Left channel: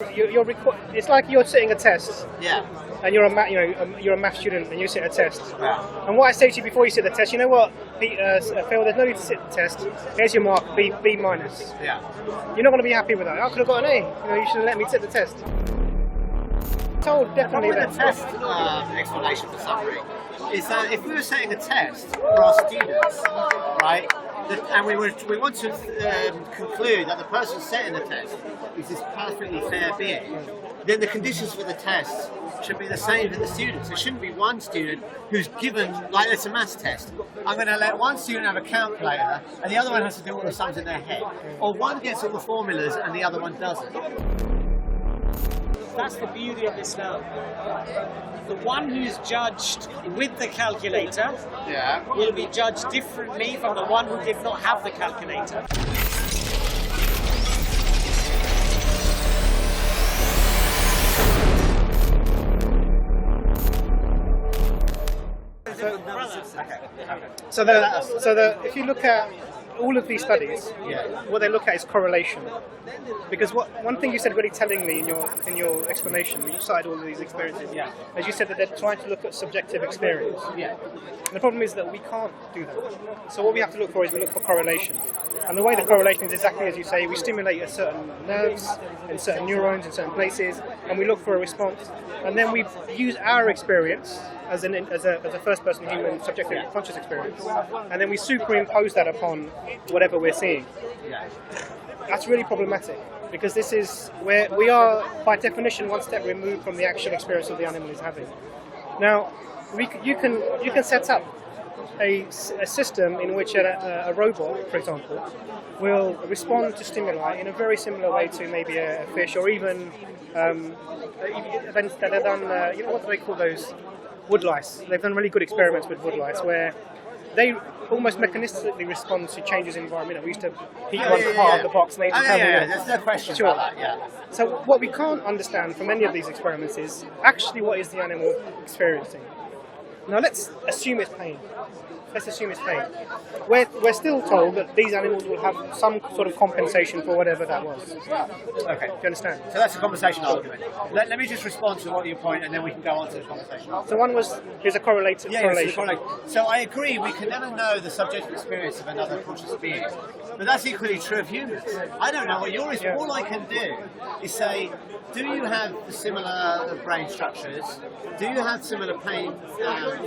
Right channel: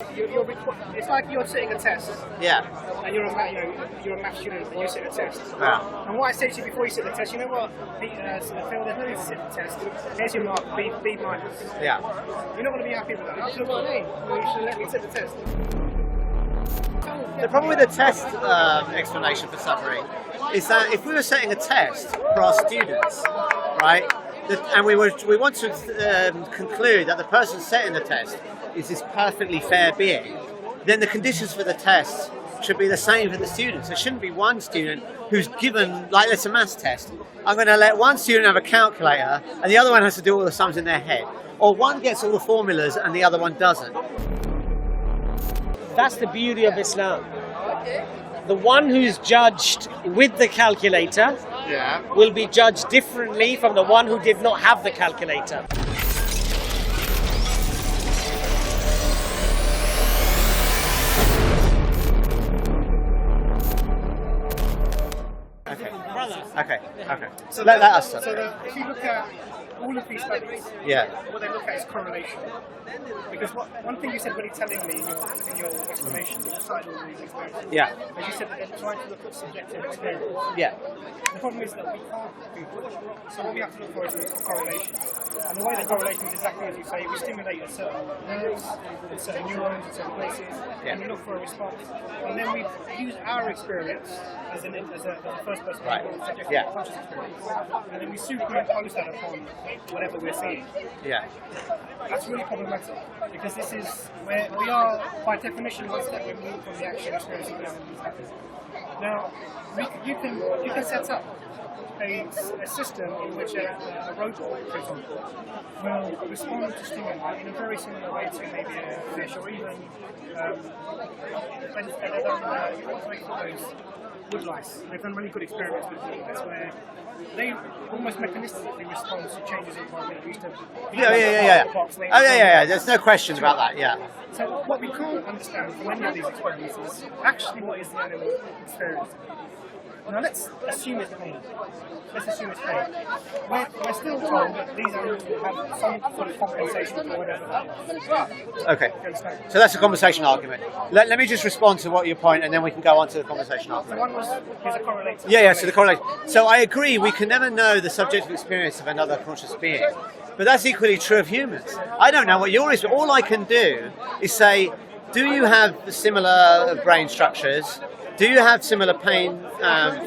It's like you're sitting a test. Yeah. And you're a math student and you sit a test. Yeah. And what I say to you before you sit the test, you know what, Phil, there's no need to sit the test. Here's your mark, B minus. Yeah. You're not going to be happy with that. I could have got an A. You should have let me sit the test. The problem with the test explanation for suffering is that if we were setting a test for our students, right, and we want to conclude that the person setting the test is this perfectly fair being, then the conditions for the test should be the same for the students. There shouldn't be one student who's given, like it's a maths test, I'm going to let one student have a calculator and the other one has to do all the sums in their head. Or one gets all the formulas and the other one doesn't. That's the beauty of Islam. The one who's judged with the calculator will be judged differently from the one who did not have the calculator. Okay. So if you look at all of these studies, what they look at is correlation. Because one thing you said really tellingly in your explanation, when you cited all of these experiences, as you said that they're trying to look at subjective experience. Yeah. And the problem is that we can't do that. So what we have to look for is we look for correlation. And the way the correlation is exactly as you say, we stimulate a certain nerves and certain neurons in certain places, and we look for a response. And then we use our experience as a first-person human subjective conscious experience, and then we superimpose that upon whatever we're seeing. Yeah. That's really problematic because this is where we are, by definition, one step removed from the actual experience that the animal is having. Now, you can set up a system in which a robot, for example, will respond to stimuli in a very similar way to maybe a fish, or even events that are done. What do they call those? Woodlice. They've done really good experiments with woodlice where they almost mechanistically respond to changes in environment. We used to heat part of the box. And There's no question about that. Yeah. So what we can't understand from any of these experiments is actually what is the animal experiencing. Now let's assume it's pain. We're still told that these animals will have some sort of compensation for whatever that was. Okay. Do you understand? So that's a conversation argument. Let me just respond to what your point, and then we can go on to the conversation argument. So one was, there's a correlative. So the correlation. So I agree, we can never know the subjective experience of another conscious being. But that's equally true of humans. I don't know what yours is, but all I can do is say, do you have similar brain structures? Do you have similar pain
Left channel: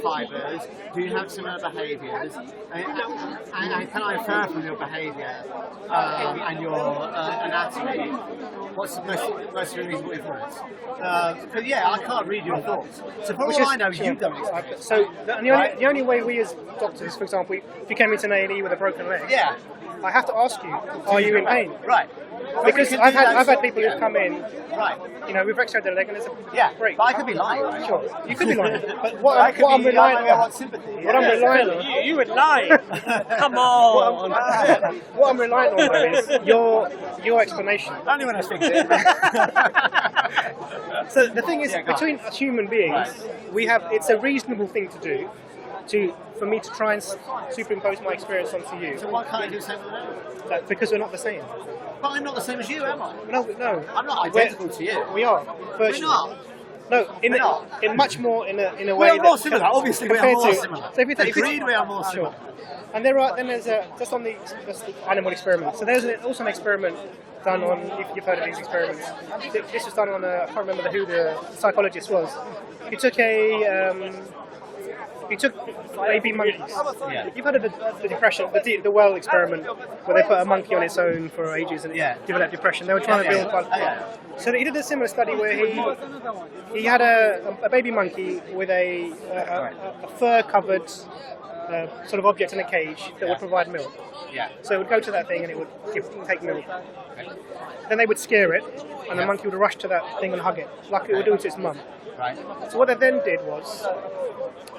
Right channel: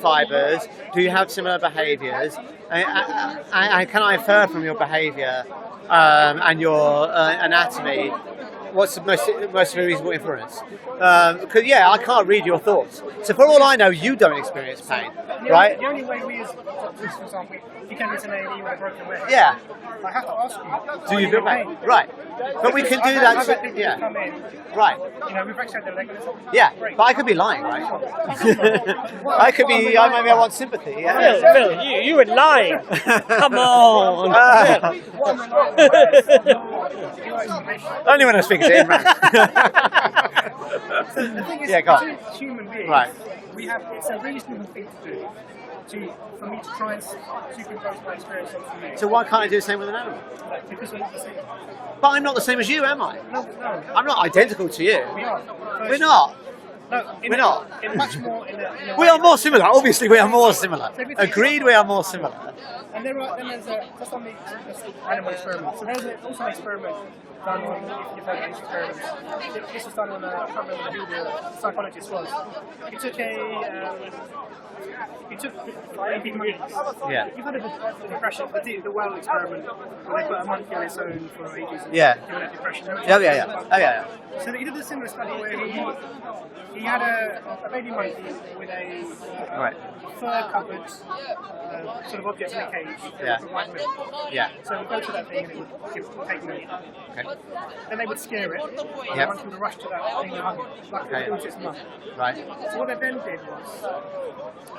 fibers? Do you have similar behaviours? Can I infer from your behaviour and your anatomy what's the most reasonable inference? Because I can't read your thoughts. So for all I know, you don't experience pain. The only way we as doctors, for example, if you came into an A&E with a broken leg, I have to ask you, are you in pain? Right. But we can do that. I've had people who come in. Right. We've x-rayed their leg and it's great. But I could be lying, right? Sure. You could be lying. But maybe I want sympathy. You would lie. Come on. What I'm relying on though is your explanation. Only when I speak to him. So the thing is, between human beings, it's a reasonable thing to do. For me to try and superimpose my experience onto you. So why can't I do the same with an animal? Because we're not the same. But I'm not the same as you, am I? No. I'm not identical to you. We are. We're not. No, we're not. In much more in a way. We are more similar. Obviously, we are more similar. So Agreed, we are more similar. And there's just on the animal experiment. So there's also an experiment done on. If you've heard of these experiments, this was done on. I can't remember who the psychologist was. He took baby monkeys. Yeah. You've heard of the depression, the well experiment, where they put a monkey on its own for ages and it developed depression. They were trying So he did a similar study where he had a baby monkey with a fur-covered sort of object in a cage that would provide milk. Yeah. So it would go to that thing and it would take milk. Okay. Then they would scare it, and the monkey would rush to that thing and hug it, like it would do to its mum. Right. So what they then did was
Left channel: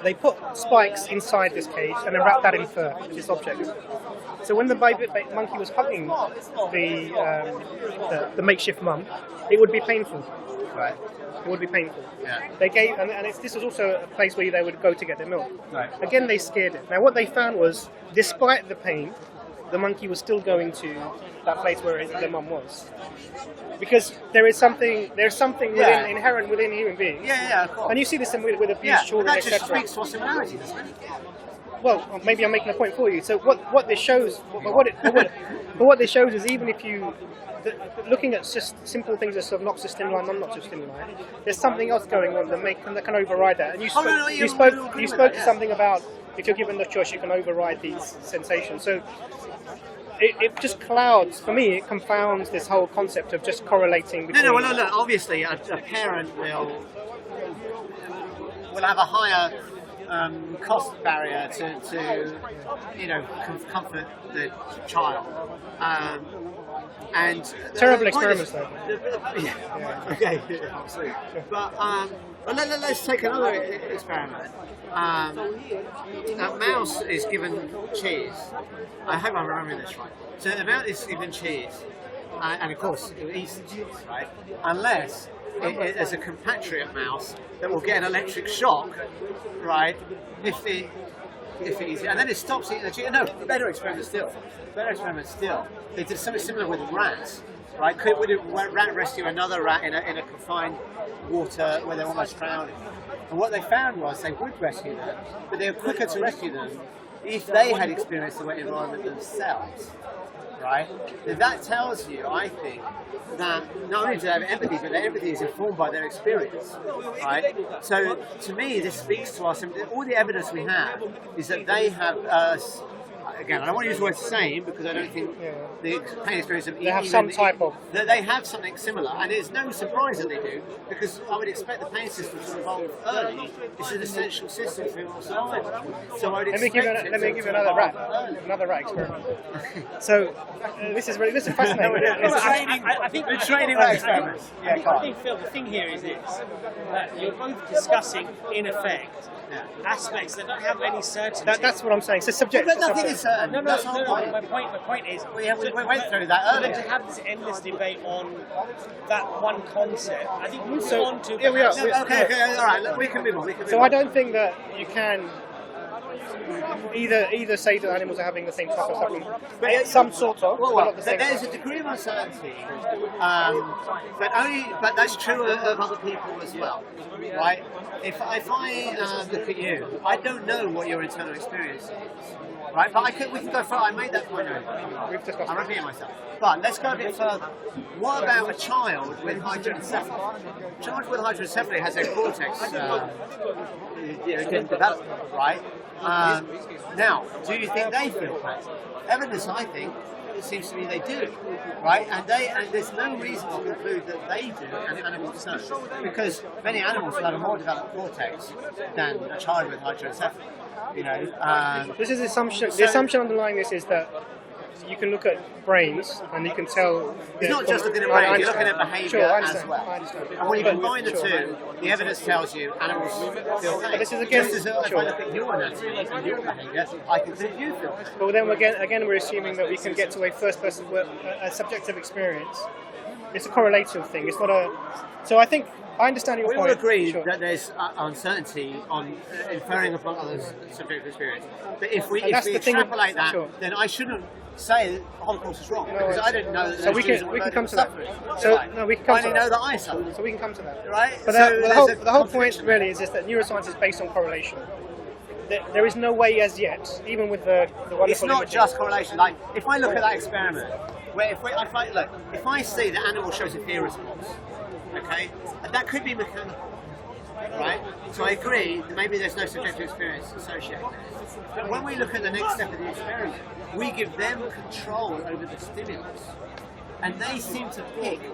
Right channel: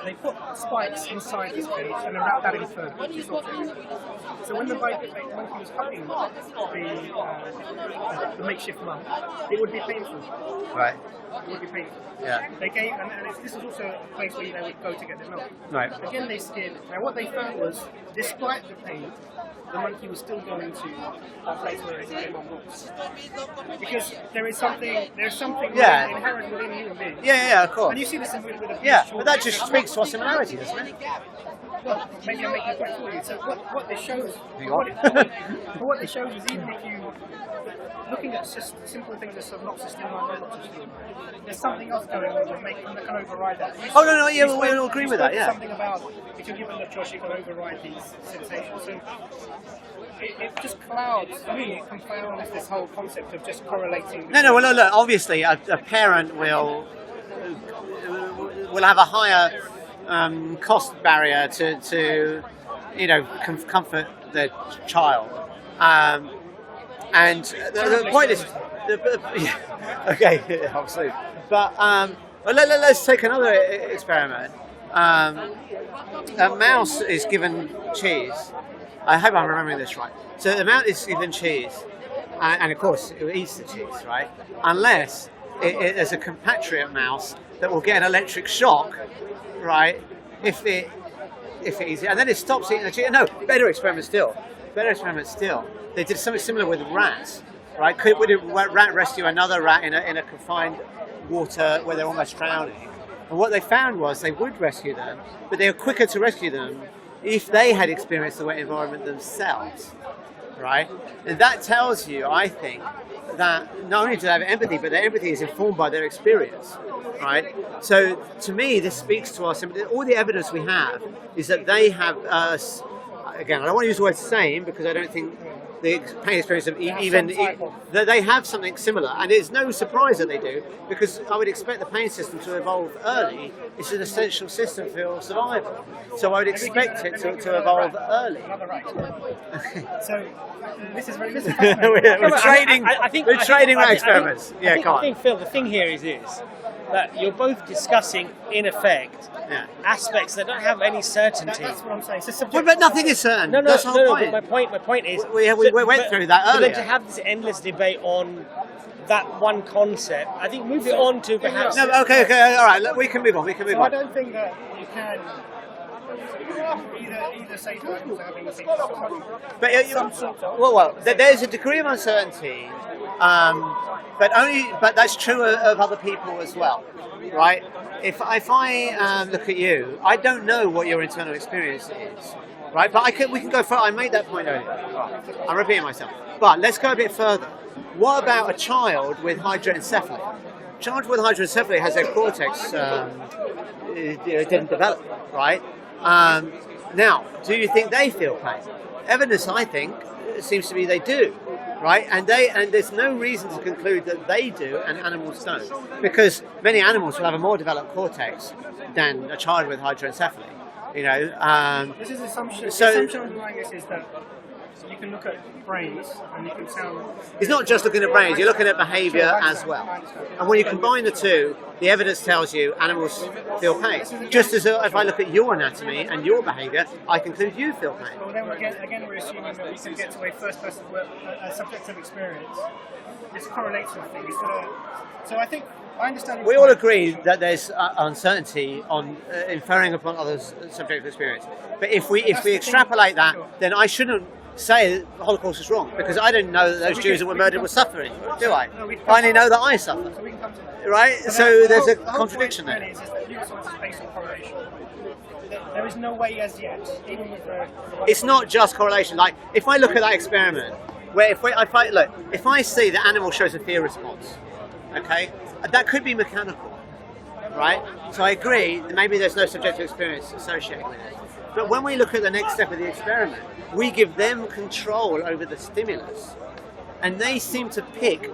they put spikes inside this cage and then wrapped that in fur, this object. So when the baby monkey was hugging the makeshift mum, it would be painful. Right. It would be painful. Yeah. They gave, and this was also a place where they would go to get their milk. Right. Again, they scared it. Now, what they found was, despite the pain, the monkey was still going to that place where the mum was, because there's something inherent within human beings. Yeah, of course. And you see this with abuse. Yeah, children, but that just etc. speaks to our similarity, doesn't it? Well, maybe I'm making a point for you. So what this shows, what this shows is even if you looking at simple things that are not so stimuli, not so stimuli, there's something else going on that can override that. And you we'll agree with that. Yeah. Something about if you're given the choice, you can override these sensations. So it just clouds, for me, it confounds this whole concept of just correlating. No. Well, look. Obviously, a parent will have a higher cost barrier to comfort their child. And terrible the point is, okay, obviously. But let's take another experiment. A mouse is given cheese. I hope I'm remembering this right. So the mouse is given cheese, and of course it eats the cheese, right? Unless there's a compatriot mouse that will get an electric shock, right? If it eats it, and then it stops eating the cheese. No, better experiment still. They did something similar with rats, right? Would a rat rescue another rat in a confined water where they're almost drowning? And what they found was they would rescue them, but they were quicker to rescue them if they had experienced the wet environment themselves, right? And that tells you, I think, that not only do they have empathy, but their empathy is informed by their experience, right? So to me, this speaks to us. All the evidence we have is that they have again, I don't want to use the word same because I don't think the pain experience of they have something similar, and it's no surprise that they do, because I would expect the pain system to evolve early. It's an essential system for survival, so I would expect it to evolve early. Another rat experiment. So this is fascinating. we're trading rat experiments. Yeah, go on. I think, Phil, the thing here is this: that you're both discussing, in effect, aspects that don't have any certainty. That's what I'm saying. So subjective. But nothing is certain. That's the whole point. My point is, we went through that earlier. To have this endless debate on that one concept, I think moving on to we are. No, okay, all right. We can move on. So I don't think that you can either say that animals are having the same type of suffering, but some sort of. Well, there's a degree of uncertainty, but that's true of other people as well, right? If I look at you, I don't know what your internal experience is, right? But we can go further. I made that point earlier. I'm repeating myself. But let's go a bit further. What about a child with hydroencephaly? A child with hydroencephaly has their cortex didn't develop, right? Now, do you think they feel pain? Evidence, I think, seems to be they do, right? And there's no reason to conclude that they do and animals don't, because many animals will have a more developed cortex than a child with hydroencephaly. This is the assumption. The assumption underlying this is that you can look at brains and you can tell. It's not just looking at brains; you're looking at behaviour as well. And when you combine the two, the evidence tells you animals feel pain. Just as if I look at your anatomy and your behaviour, I conclude you feel pain. But then again, we're assuming that we can get to a first-person, a subjective experience. It's a correlative thing. It's not a. So I think I understand your point. We all agree that there's uncertainty on inferring upon others' subjective experience. But if we extrapolate that, then I shouldn't say the Holocaust is wrong, because I didn't know that those Jews that were murdered were suffering. I only know that I suffer. So we can come to that. Right? So there's a contradiction there. The whole point really is that neuroscience is based on correlation. There is no way as yet, even with the it's not just correlation. Like, if I look at that experiment, where if I see the animal shows a fear response, okay, that could be mechanical, right? So I agree that maybe there's no subjective experience associated with it. But when we look at the next step of the experiment, we give them control over the stimulus, and they seem to pick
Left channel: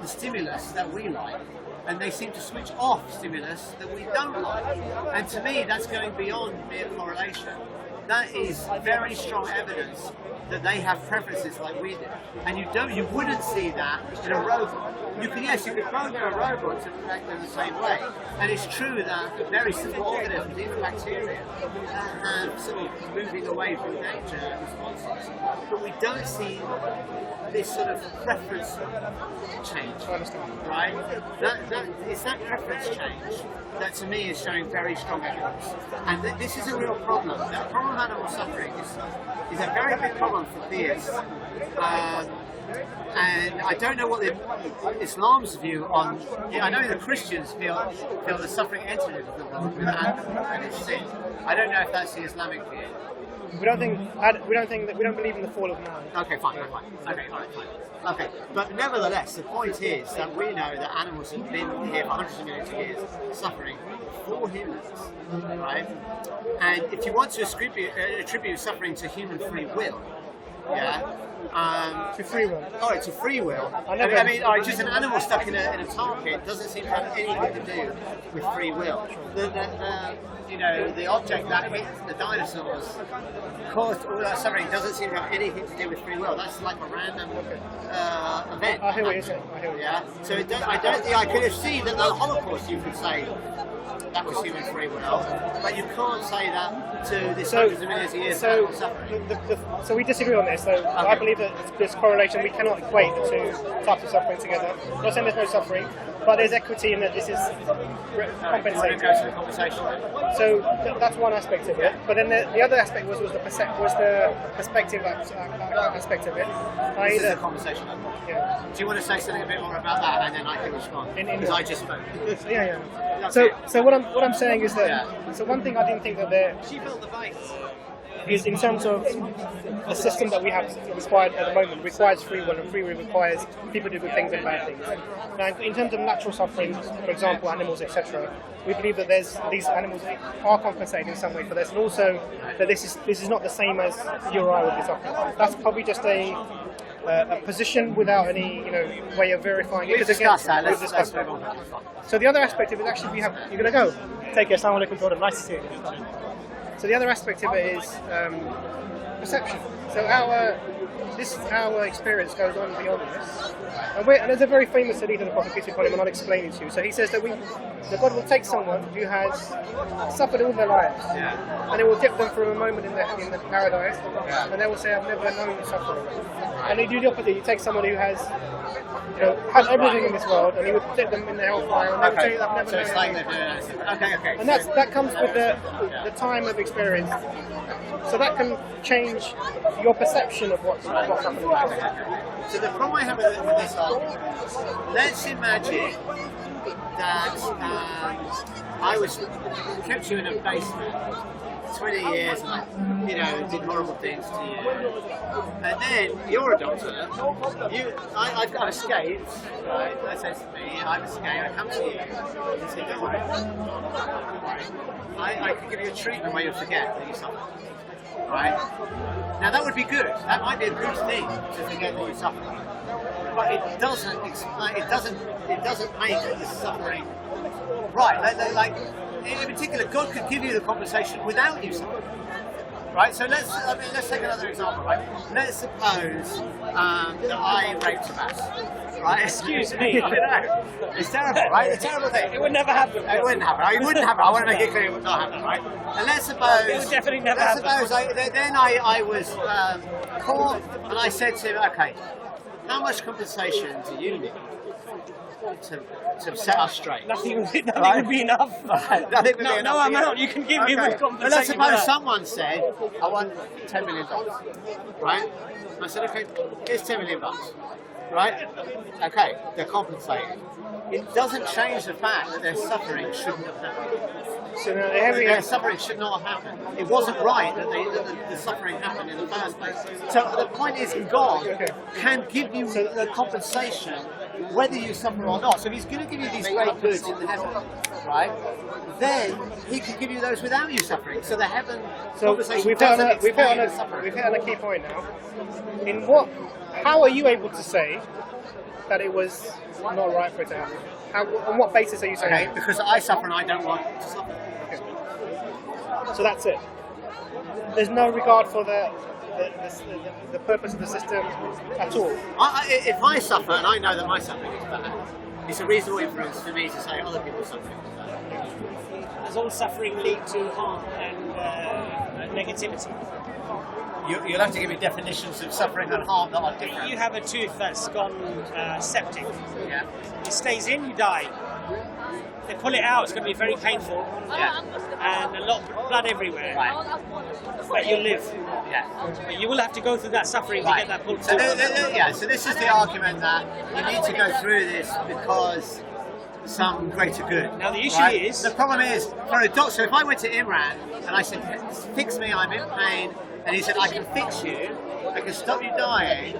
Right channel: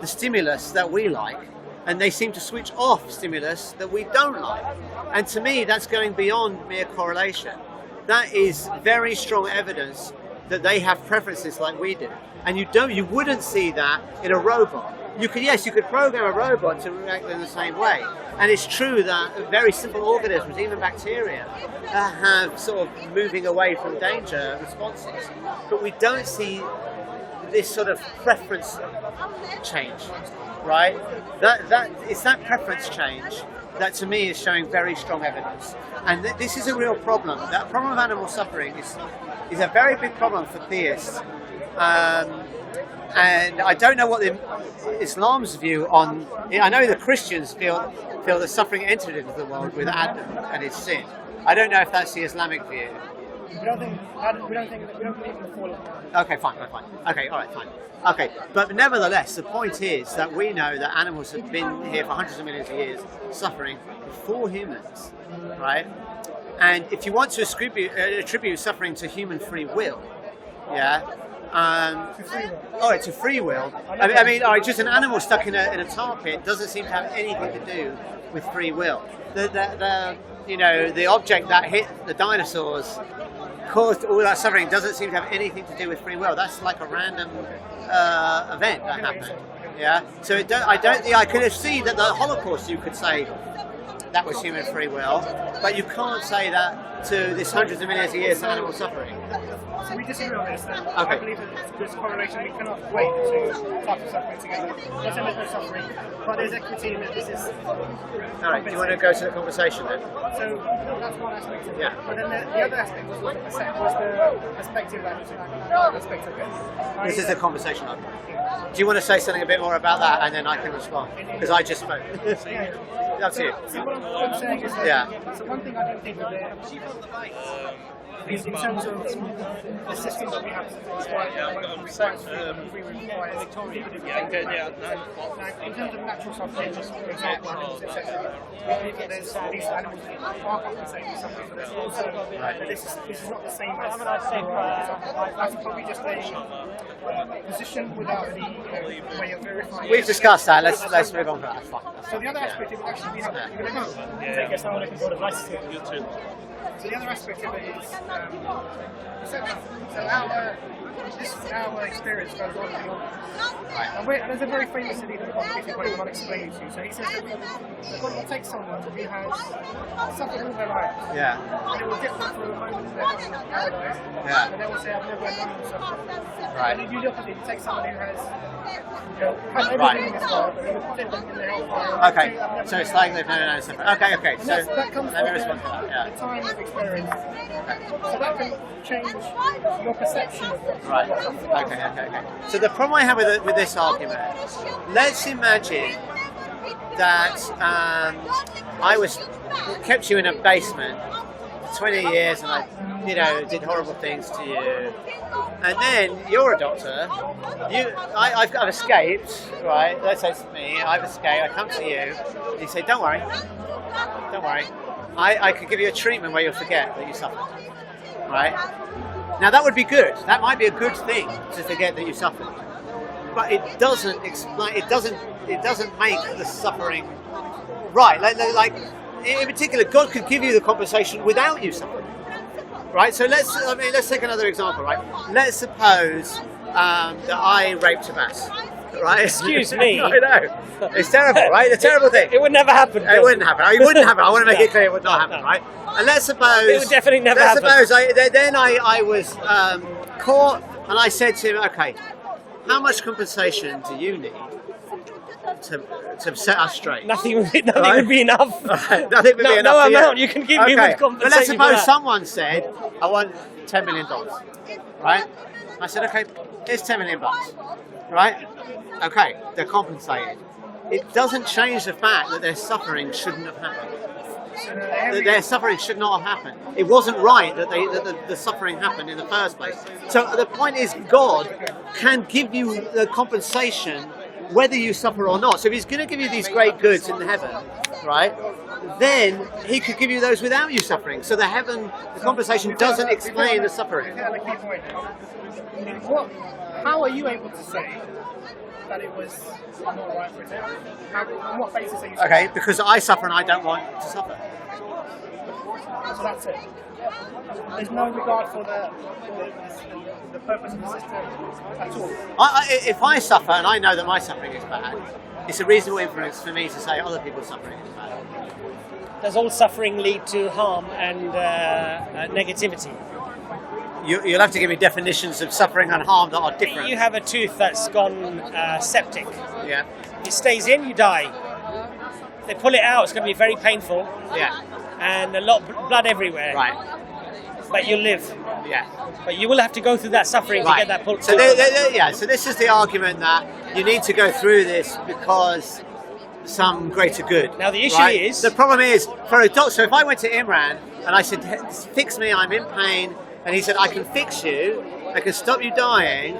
the stimulus that we like, and they seem to switch off stimulus that we don't like. And to me, that's going beyond mere correlation. That is very strong evidence that they have preferences like we do. And you wouldn't see that in a robot. You could program a robot to react in the same way. And it's true that very simple organisms, even bacteria, have sort of moving away from danger responses. But we don't see this sort of preference change, right? It's that preference change that to me is showing very strong evidence. And this is a real problem. That problem of animal suffering is a very big problem for theists. And I don't know what Islam's view on. I know the Christians feel that suffering entered into the world with Adam and his sin. I don't know if that's the Islamic view. We don't believe in the fall of man. Okay, fine. Okay, all right, fine. Okay, but nevertheless, the point is that we know that animals have been here for hundreds of millions of years, suffering before humans, right? And if you want to attribute suffering to human free will, to free will. Oh, to free will. I mean, all right, just an animal stuck in a tar pit doesn't seem to have anything to do with free will. The object that hit the dinosaurs caused all that suffering doesn't seem to have anything to do with free will. That's like a random event. I hear what you're saying. Yeah. So I could see that the Holocaust, you could say that was human free will, but you can't say that to this hundreds of millions of years of animal suffering. So we disagree on this. So I believe that this correlation, we cannot equate the two types of suffering together. I'm not saying there's no suffering, but there's equity in that this is compensating. Do you want to go to the conversation then? So that's one aspect of it. But then the other aspect was the perspective aspect of it. This is the conversation I've got. Yeah. Do you want to say something a bit more about that, and then I can respond? Because I just spoke. Yeah. That's it. So what I'm saying is that. So one thing I didn't think that there is, in terms of the system that we have required at the moment, requires free will, and free will requires people to do good things and bad things. Now, in terms of natural suffering, for example, animals, etc., we believe that these animals are compensated in some way for this, and also that this is not the same as you or I would be suffering. That's probably just a position without any way of verifying. We've discussed that. Let's move on to that. That's fine. So the other aspect of it, actually, you're going to go. Take care. Assalamu alaikum, Jordan. Nice to see you. So the other aspect of it is perception. So our experience goes on beyond this. And there's a very famous hadith of the Prophet, peace be upon him, and I'll explain it to you. So he says that God will take someone who has suffered all their lives, and it will dip them for a moment in the paradise, and they will say, "I've never known suffering." And they do the opposite. You take someone who has had everything in this world, and he would dip them in the hellfire. And Okay, so it's like they've never known suffering. Okay. And that comes with the time of experience. So that can change your perception of what's happening. Okay. So the problem I have with this argument, let's imagine that I kept you in a basement for 20 years and I, did horrible things to you, and then you're a doctor. I've escaped, right? Let's say it's me. I've escaped. I come to you. And you say, "Don't worry. I could give you a treatment where you'll forget that you suffered." Right? Now that would be good. That might be a good thing to forget that you suffered, but it doesn't explain. It doesn't make the suffering right. Like in particular, God could give you the compensation without you suffering. Right? So let's take another example. Right? Let's suppose that I raped Lacbas. Right? Excuse me. I know. It's terrible, right? A terrible thing. It would never happen. It wouldn't happen. It wouldn't happen. I want to make it clear it would not happen, right? And let's suppose. It would definitely never happen. I was caught, and I said to him, "Okay, how much compensation do you need to set us straight?" Nothing would be enough. Right. Nothing would be enough. No for amount you. you can give me with compensation. But let's suppose someone said, "I want $10 million," right? I said, "Okay, here's $10 million, right?" Okay, they're compensated. It doesn't change the fact that their suffering shouldn't have happened. So their suffering should not have happened. It wasn't right that the suffering happened in the first place. So the point is, God can give you the compensation whether you suffer or not. So if He's going to give you these great goods in heaven, right, then He could give you those without you suffering. So the compensation doesn't explain the suffering. We've hit on a key point now. How are you able to say that it was not right for it to happen? On what basis are you saying? Okay, because I suffer and I don't want to suffer. Okay. So that's it. There's no regard for the purpose of the system at all. If I suffer and I know that my suffering is bad, it's a reasonable inference for me to say other people's suffering is bad. Does all suffering lead to harm and negativity? You'll have to give me definitions of suffering and harm that are different. You have a tooth that's gone septic. Yeah. It stays in, you die. They pull it out, it's going to be very painful. Yeah. And a lot of blood everywhere. Right. that you live. Yeah. You will have to go through that suffering Right. to get that pull. So so this is the argument that you need to go through this because some greater good. Now the issue is... The problem is, for a doctor, so if I went to Imran and I said, fix me, I'm in pain, and he said, I can fix you, I can stop you dying,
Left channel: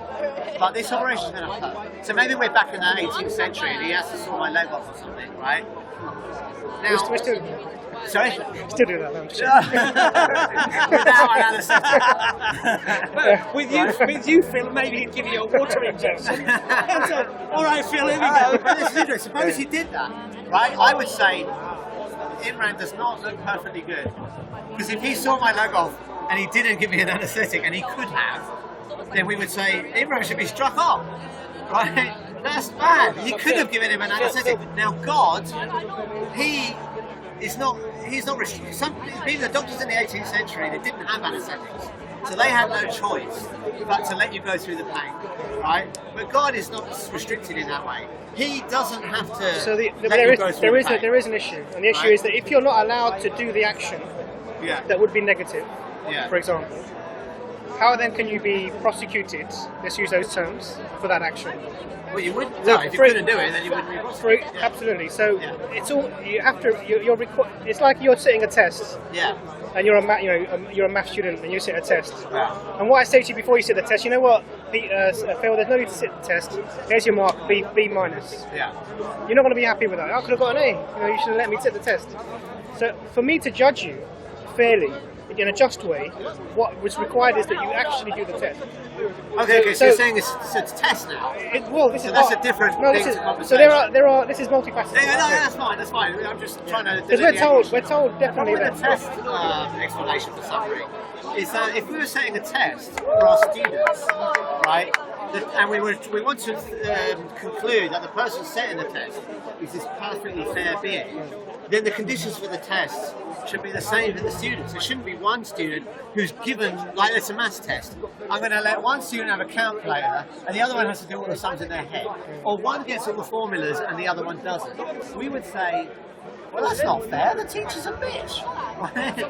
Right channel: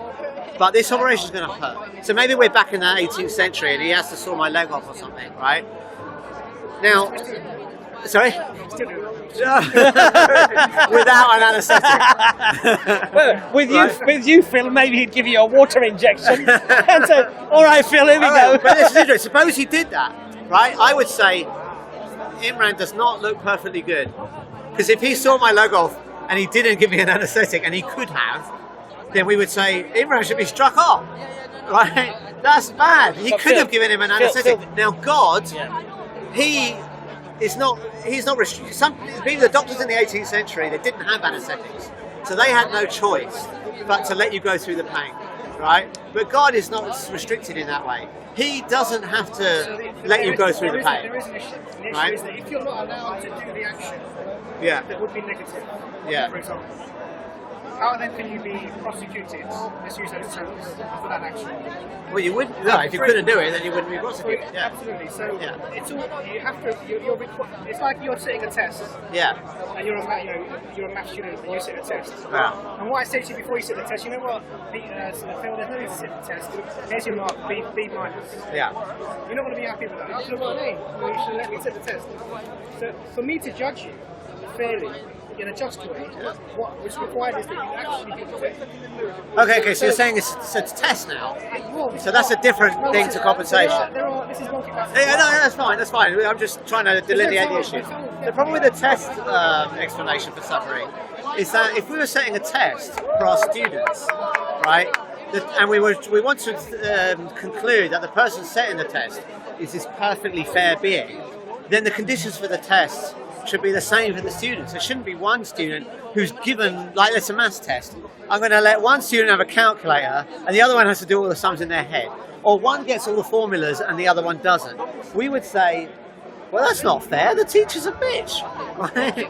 but this operation is going to hurt. So maybe we're back in the 18th century and he has to saw my leg off or something, right? Now... Sorry? Still do that. Without an anaesthetic. With you, Phil, maybe he'd give you a water injection and say, all right, Phil, here we go. But this is interesting. Suppose he did that, right? I would say Imran does not look perfectly good. Because if he saw my leg off and he didn't give me an anaesthetic, and he could have, then we would say Imran should be struck off, right? That's bad. He could have given him an anaesthetic. Now, God, he's not restricted. Maybe the doctors in the 18th century, they didn't have anaesthetics, so they had no choice but to let you go through the pain, right? But God is not restricted in that way. He doesn't have to let you go through the pain. There is an issue, and the issue is that if you're not allowed to do the action that would be negative, for example, how then can you be prosecuted, let's use those terms, for that action? Well, you wouldn't. No, if you couldn't do it, then you wouldn't be prosecuted. Yeah. Absolutely. So it's all you have to. It's like you're sitting a test. Yeah. And you're a math student, and you sit a test. Yeah. And what I say to you before you sit the test, you know what, Phil? There's no need to sit the test. Here's your mark, B minus. Yeah. You're not going to be happy with that. I could have got an A. You should have let me sit the test. So for me to judge you fairly in a just way, what was required is that you actually do the test. Okay, so you're saying it's a test now? So that's a different thing to compensation. So this is multifaceted. Yeah, no, that's fine. I'm just trying to delineate the issue. The problem with the test explanation for suffering is that if we were setting a test for our students, right, and we want to conclude that the person setting the test is this perfectly fair being, then the conditions for the test should be the same for the students. There shouldn't be one student who's given, like it's a maths test. I'm going to let one student have a calculator and the other one has to do all the sums in their head. Or one gets all the formulas and the other one doesn't. We would say, well, that's not fair. The teacher's a bitch. Right?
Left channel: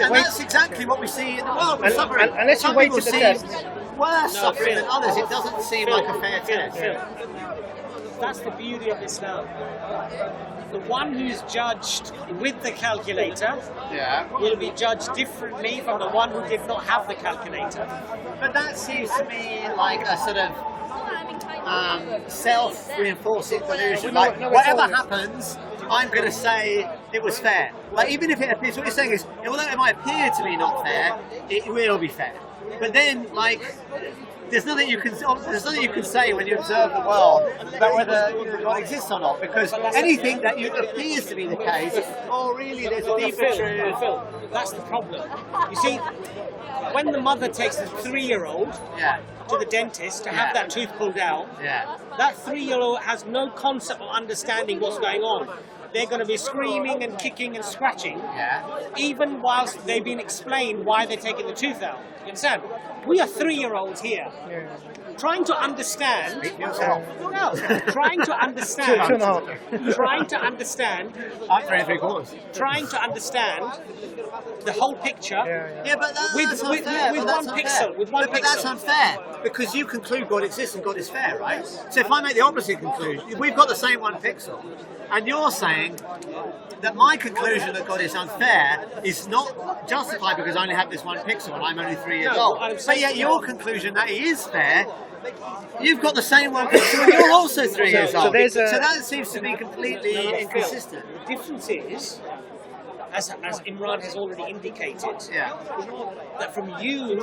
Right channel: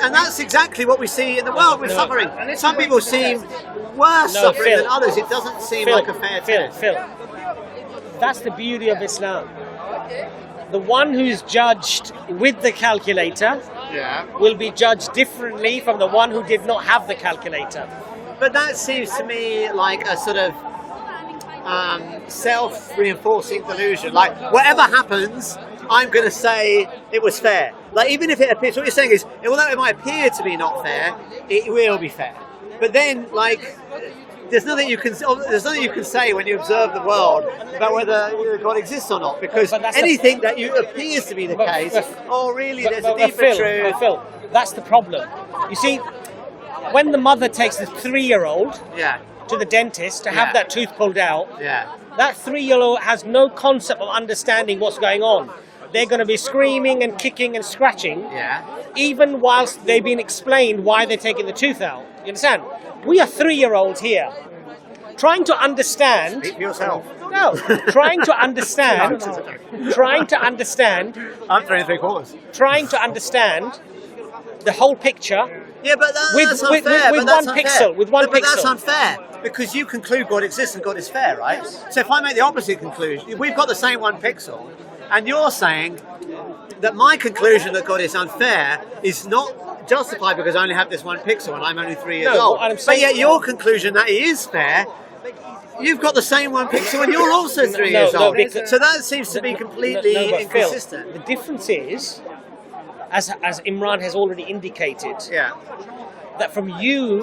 And that's exactly what we see in the world with suffering. Some people seem worse suffering than others. It doesn't seem like a fair test. That's the beauty of Islam. The one who's judged with the calculator will be judged differently from the one who did not have the calculator. But that seems to me like a sort of self-reinforcing delusion. Like, whatever happens, I'm going to say it was fair. Like, even if it appears, what you're saying is, although it might appear to be not fair, it will be fair. But then, like, there's nothing you can say when you observe the world about whether God exists or not, because anything that appears to be the case, really there's a deeper truth. Phil, that's the problem. You see, when the mother takes the 3-year-old to the dentist to have that tooth pulled out, that 3-year-old has no concept of understanding what's going on. They're going to be screaming and kicking and scratching, even whilst they've been explained why they're taking the tooth out. You understand? We are 3-year-olds here, trying to understand. Speak for yourself. No, trying to understand. Trying to understand. I'm 3 3/4. Trying to understand the whole picture. Yeah, but that's unfair. With one pixel. But that's unfair because you conclude God exists and God is fair, right? So if I make the opposite conclusion, we've got the same 1 pixel, and you're saying that my conclusion that God is unfair is not justified because I only have this 1 pixel and I'm only 3 years old. But yet your conclusion that he is fair, you've got the same 1 pixel and you're also 3 years old. So that seems to be completely inconsistent. The difference is, as Imran has already indicated, that from you,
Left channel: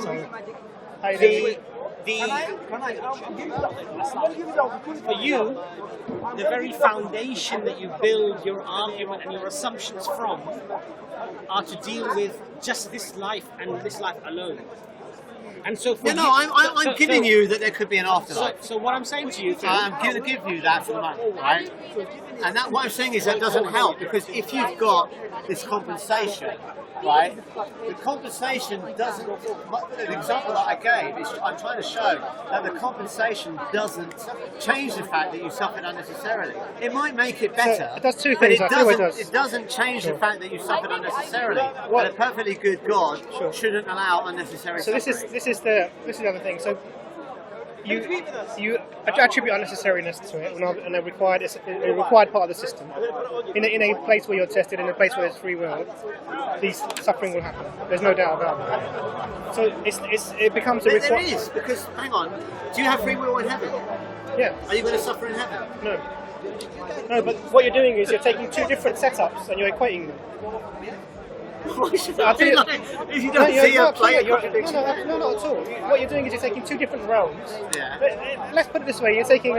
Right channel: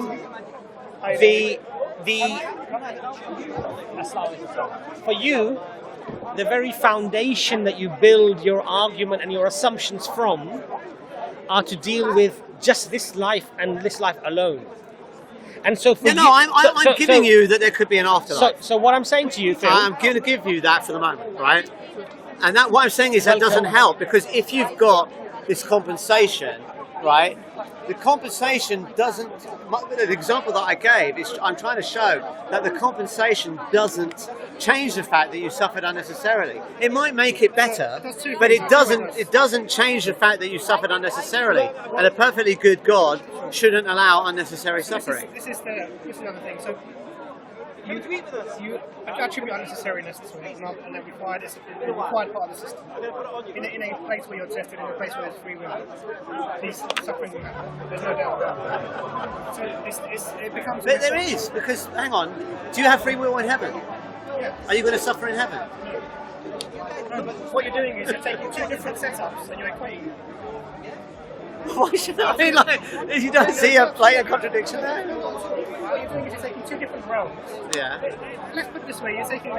the very foundation that you build your argument and your assumptions from are to deal with just this life and this life alone. And so I'm giving you that there could be an afterlife. So what I'm saying to you, Phil, I'm going to give you that for the moment, right? And that what I'm saying is that doesn't help, because if you've got this compensation right? The compensation doesn't. The example that I gave is I'm trying to show that the compensation doesn't change the fact that you suffered unnecessarily. It might make it better, but it doesn't. It doesn't change the fact that you suffered unnecessarily. And a perfectly good God shouldn't allow unnecessary suffering. This is the other thing. So you attribute unnecessariness to it, and a required part of the system. In a place where you're tested, in a place where there's free will, these suffering will happen. There's no doubt about it. So it becomes. But there is, because hang on, do you have free will in heaven? Yeah. Are you going to suffer in heaven? No. No, but what you're doing is you're taking two different setups and you're equating them. Why should I be like, if you don't see a blatant contradiction there? No, not at all. What you're doing is you're taking two different realms. Yeah. Let's put it this way, you're taking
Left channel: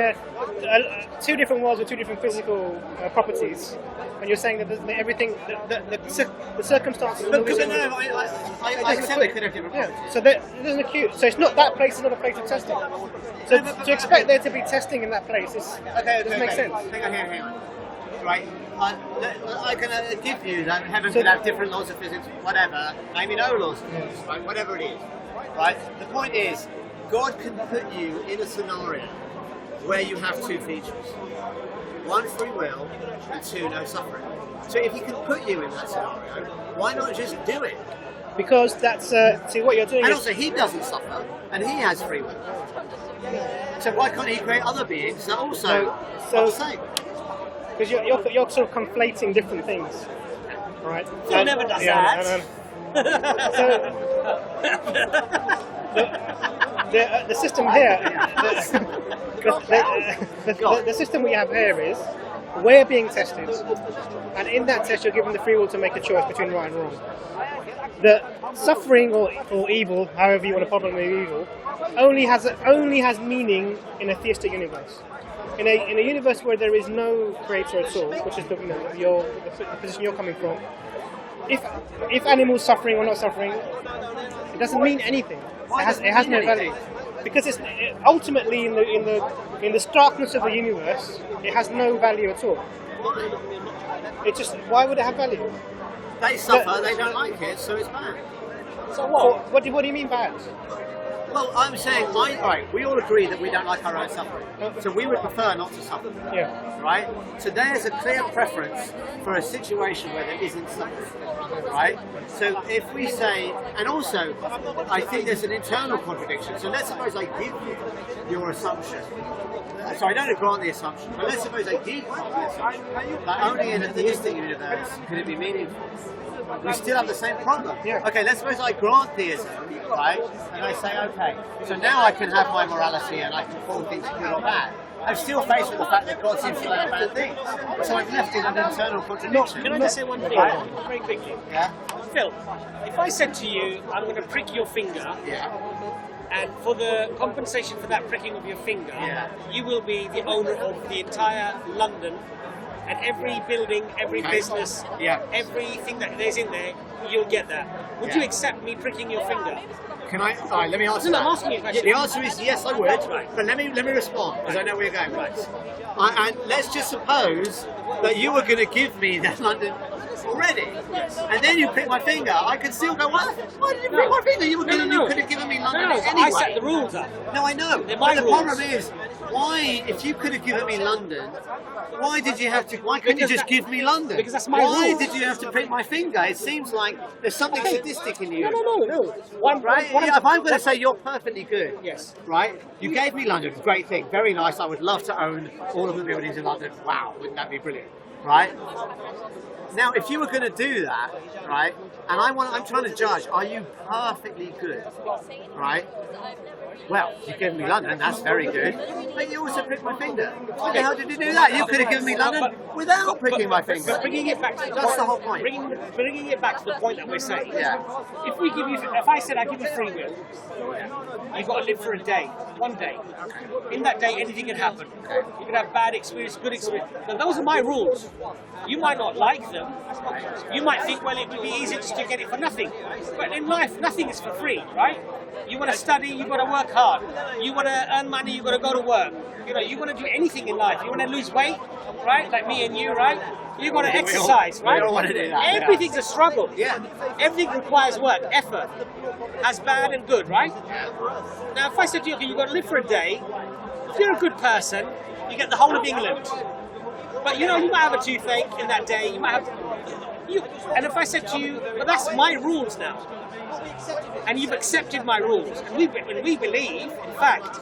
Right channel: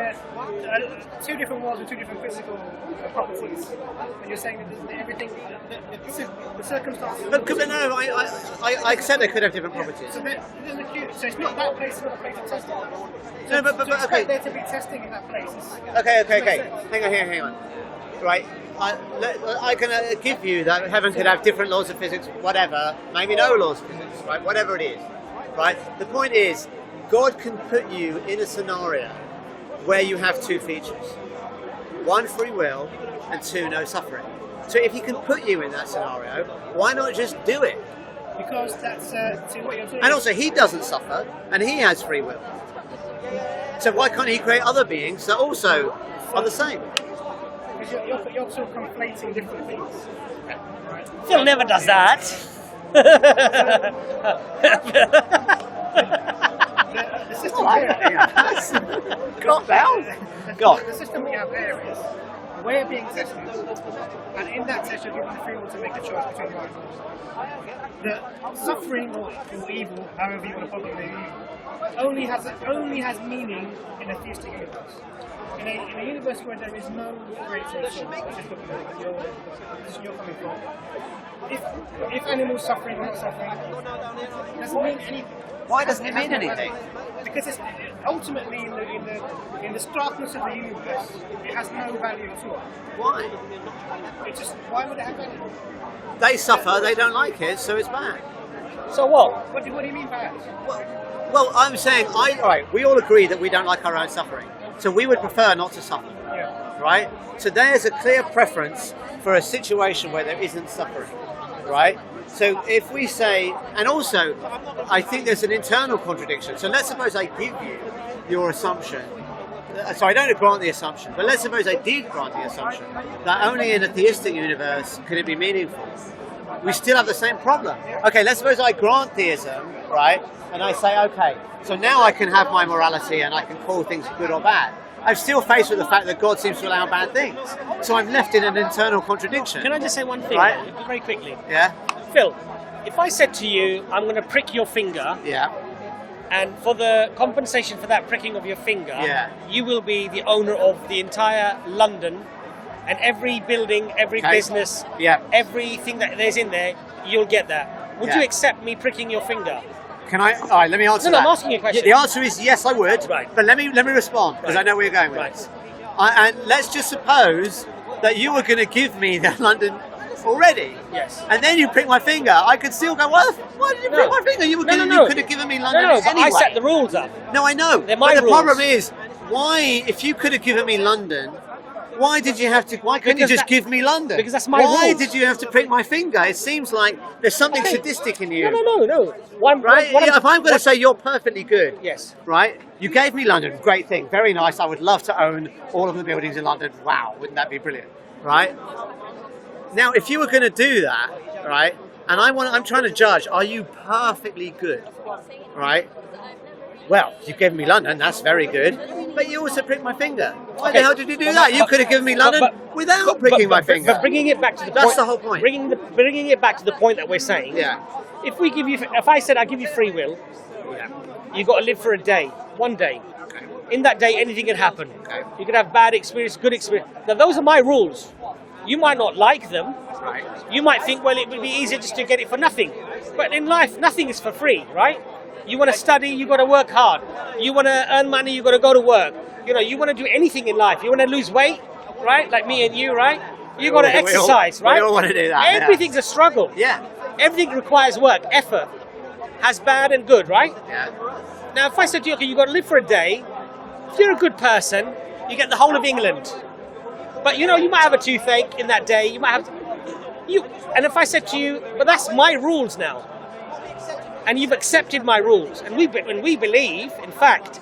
two different worlds with two different physical properties, and you're saying that everything, the circumstances... But no, I accept they could have different properties. So there's an acute, so it's not that place is not a place of testing. So no, but to expect there to be testing in that place is... Okay. Hang on. Right. I can give you that heaven could have different laws of physics, whatever, maybe no laws of physics, right? Whatever it is, right? The point is, God can put you in a scenario where you have two features. One, free will, and two, no suffering. So if he can put you in that scenario, why not just do it? Because that's, see what you're doing. And also, he doesn't suffer, and he has free will. So why can't he create other beings that also are the same? Because you're sort of conflating different things, right? Phil never does that. The system here, the system we have here is we're being tested, and in that test you're given the free will to make a choice between right and wrong. The suffering or evil, however you want to problem evil, only has meaning in a theistic universe. In a universe where there is no creator at all, which is the position you're coming from, if animals suffering or not suffering, it doesn't mean anything. Why doesn't it mean anything? Because it's ultimately in the starkness of the universe, it has no value at all. Why? Why would it have value? They suffer, they don't like it, so it's bad. So what? What do you mean bad? Well, I'm saying, we all agree that we don't like our own suffering. So we would prefer not to suffer. Yeah. Right? So there's a clear preference for a situation where there isn't suffering. Right? So if we say, and also, I think there's an internal contradiction. So let's suppose I give you your assumption. So I don't grant the assumption, but let's suppose I did grant the assumption that only in a theistic universe could it be meaningful. We still have the same problem. Yeah. Okay, let's suppose I grant theism, right? And I say, okay, so now I can have my morality and I can call things good or bad. I'm still faced with the fact that God seems to allow bad things. So I'm left in an internal contradiction. Can I just say one thing? Right? Very quickly. Yeah? Phil, if I said to you, I'm going to prick your finger, Yeah. and for the compensation for that pricking of your finger, you will be the owner of the entire London, and every building, every business, everything that there's in there, you'll get that. Would you accept me pricking your finger? Can I? All right, let me answer that. I'm asking you a question. The answer is yes, I would. Right. But let me respond, because I know where you're going with this. And let's just suppose that you were going to give me the London already. Yes. And then you prick my finger. I could still go, what? Why did you prick my finger? You could have given me London anyway. I set the rules up. No, I know. But the problem is, why, if you could have given me London, why couldn't you just give me London? Because that's my Why rules. did you have to prick my finger? It seems like there's something sadistic in you. No. If I'm going to say you're perfectly good, yes, right? You gave me London, great thing, very nice. I would love to own all of the buildings in London. Wow, wouldn't that be brilliant, right? Now, if you were going to do that, right, and I'm trying to judge, are you perfectly good, right? Well, you gave me London, that's very good, but you also pricked my finger. Why the hell did you do that? You could have given me London without pricking my finger. But bringing it back to That's the whole point. Bringing it back to the point that we're saying. Yeah. If I said I give you free will, you've got to live for a day, one day. Okay. In that day, anything can happen. Okay. You can have bad experience, good experience. Now, those are my rules. You might not like them. Right. You might think, well, it would be easier just to get it for nothing. But in life, nothing is for free, right? You want to study, you got to work hard. You want to earn money, you got to go to work. You want to do anything in life. You want to lose weight, right? Like me and you, right? You've got to exercise, right? We all want to do that. Everything's a struggle. Yeah. Everything requires work, effort. Has bad and good, right? Yeah. Now, if I said to you, okay, you've got to live for a day, if you're a good person, you get the whole of England. But you know, you might have a toothache in that day. You might have. And if I said to you, but that's my rules now, and you've accepted my rules, and we believe, in fact,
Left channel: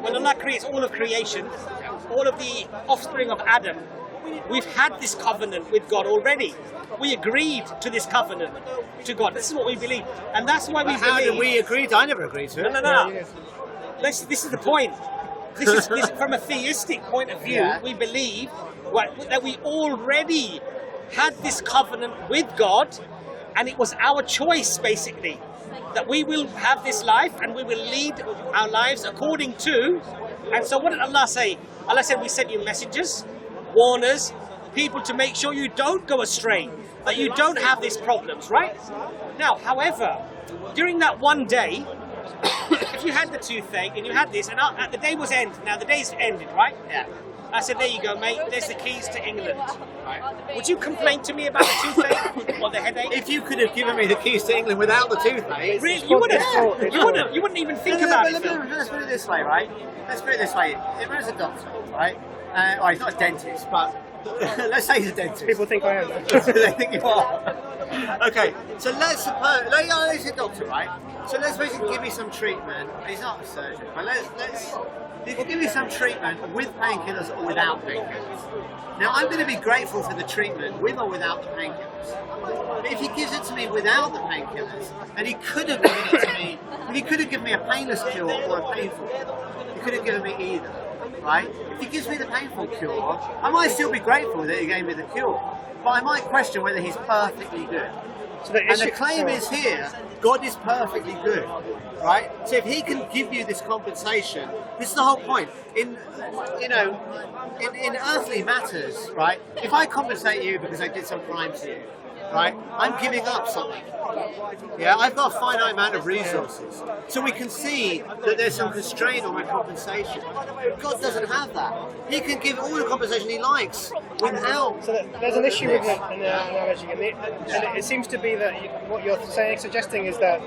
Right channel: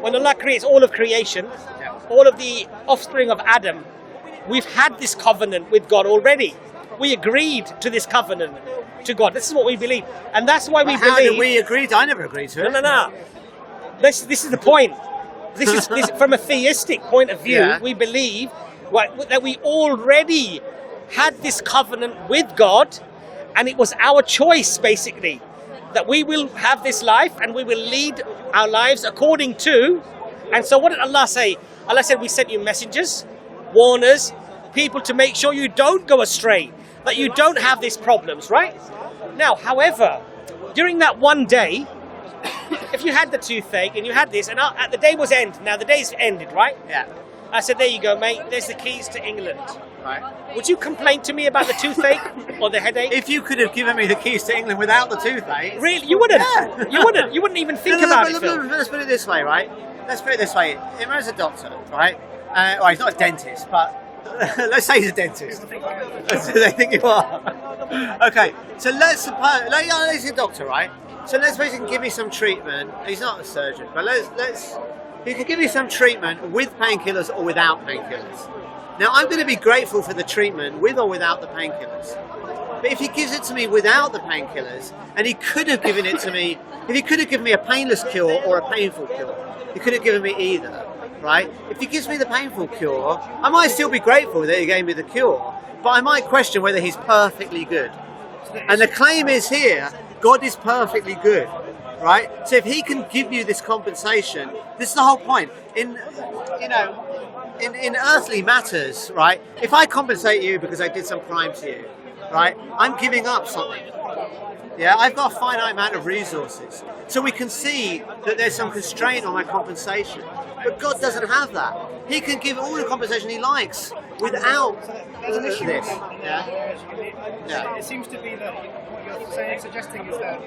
when Allah creates all of creation, all of the offspring of Adam, we've had this covenant with God already. We agreed to this covenant to God. This is what we believe, and that's why we believe. How did we agree? I never agreed to it. No. This is the point. This is from a theistic point of view. We believe that we already had this covenant with God, and it was our choice, basically, that we will have this life and we will lead our lives according to. And so what did Allah say? Allah said, we sent you messengers, warners, people to make sure you don't go astray, that you don't have these problems, right? Now, however, during that one day, if you had the toothache and you had this, and the day was ended, now the day's ended, right? Yeah. I said, there you go, mate, there's the keys to England. Right. Would you complain to me about the toothache or the headache? If you could have given me the keys to England without the toothache... Really? You wouldn't? Yeah. You wouldn't even think about it. Let's put it this way, right? Let's put it this way. Imran's a doctor, right? Well, he's not a dentist, but let's say he's a dentist. People think I am, though. They think you are. Okay, so let's suppose... he's a doctor, right? So let's suppose he can give me some treatment. He's not a surgeon, but he can give me some treatment with painkillers or without painkillers. Now, I'm going to be grateful for the treatment with or without the painkillers. But if he gives it to me without the painkillers, and he could have given it to me, if he could have given me a painless cure or a painful cure, he could have given me either, right? If he gives me the painful cure, I might still be grateful that he gave me the cure, but I might question whether he's perfectly good. And the claim is here, God is perfectly good, right? So if he can give you this compensation, this is the whole point. In earthly matters, right? If I compensate you because I did some crime to you, right? I'm giving up something. Yeah, I've got a finite amount of resources. So we can see that there's some constraint on my compensation. But God doesn't have that. He can give all the compensation he likes without there's an issue this. with the analogy. It seems to be that what you're suggesting is that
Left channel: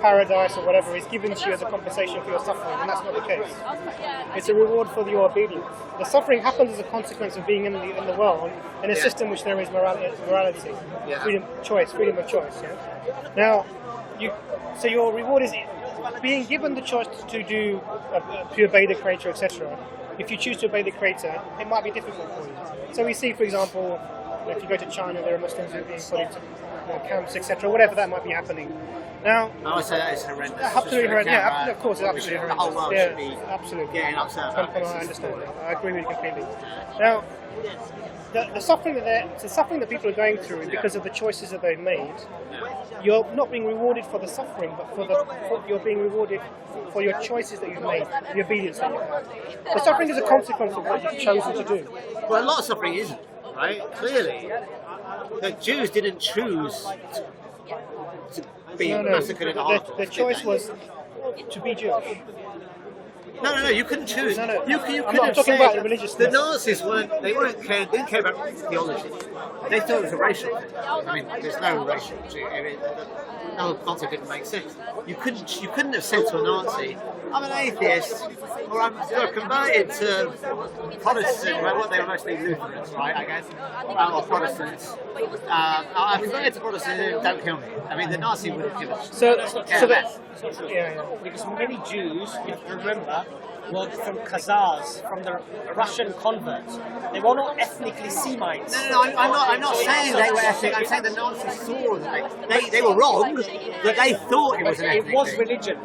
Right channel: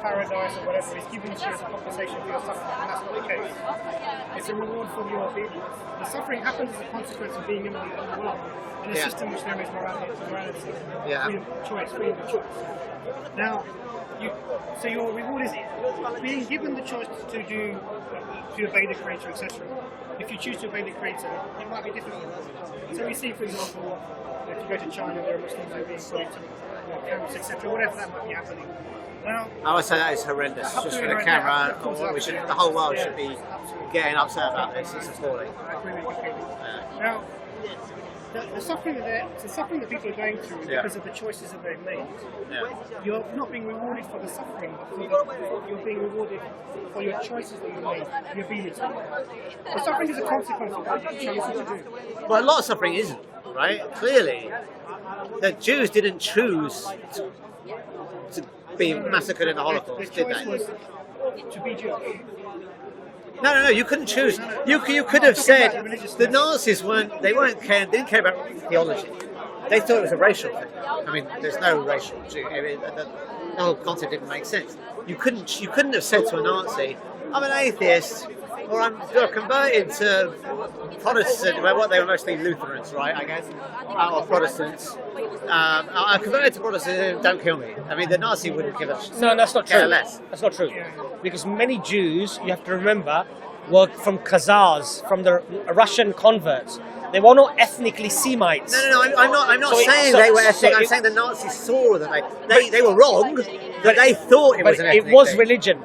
paradise or whatever is given to you as a compensation for your suffering, and that's not the case. It's a reward for your obedience. The suffering happens as a consequence of being in the world in a system which there is morality, freedom of choice. Now, so your reward is being given the choice to obey the Creator, etc. If you choose to obey the Creator, it might be difficult for you. So we see, for example, if you go to China, there are Muslims who are being put into camps, etc. Whatever that might be happening. Now, I would say that is horrendous. Just for the camera, of course, the whole world should be getting upset about this. It's appalling. I agree with you completely. Now, the suffering that people are going through is because of the choices that they've made. You're not being rewarded for the suffering, but you're being rewarded for your choices that you've made, the obedience that you have. The suffering is a consequence of what you've chosen to do. Well, a lot of suffering isn't, right? Clearly, the Jews didn't choose to be massacred in the Holocaust, the choice was to be Jewish. No, you couldn't choose. No. You could have said the Nazis didn't care about theology. They thought it was a racial thing. I mean, there's no racial. The whole concept didn't make sense. You couldn't have said to a Nazi, "I'm an atheist," or "I'm converted to Protestant." Well, they were mostly Lutherans, right? I guess, or Protestants. I'm converted to Protestantism. Don't kill me. I mean, the Nazi wouldn't give a shit. So that's not true. Less. That's not true. Because many Jews, you have to remember, were from Khazars, from the Russian converts. They were not ethnically Semites. No. I'm not saying they were ethnic. I'm saying the Nazis saw that they were wrong. That they thought it was an ethnic thing. It was religion.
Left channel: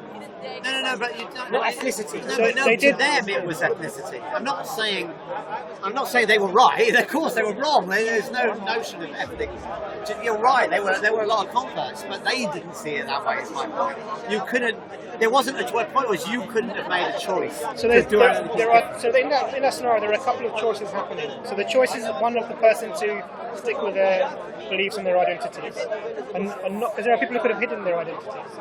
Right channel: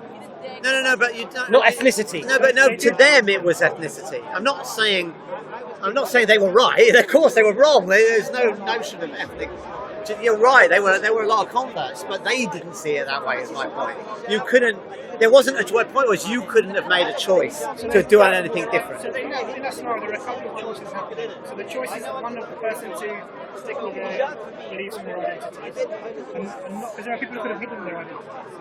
No, but you don't. Not ethnicity. No, to them it was ethnicity. I'm not saying they were right. Of course they were wrong. There's no notion of ethnic. You're right. There were a lot of converts, but they didn't see it that way. Is my point. You couldn't. There wasn't a point was you couldn't have made a choice to do anything different. So in that scenario, there are a couple of choices happening. So the choice is one of the person to stick with their beliefs and their identities, and not because there are people who could have hidden their identities.